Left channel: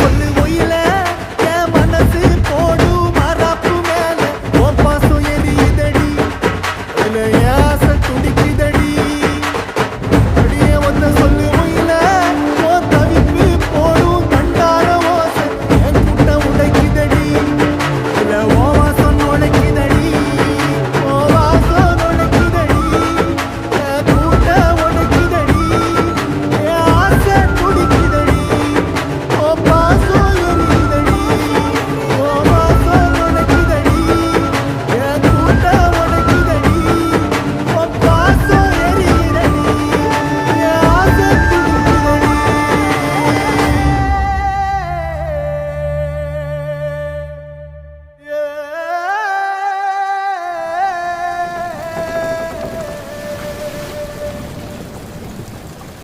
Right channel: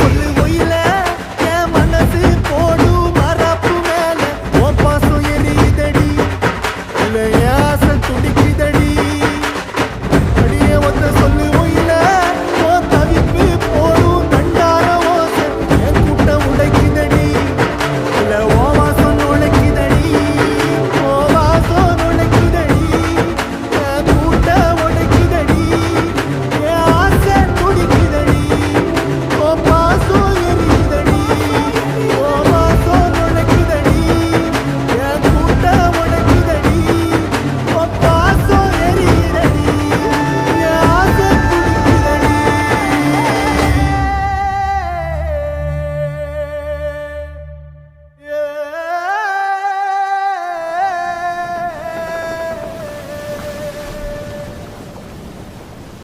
சொல்லு ஒயில என் மனசு போடு மரப்பு மேல உன் பாசம் எரியுதடி இல்ல ஆசை துடி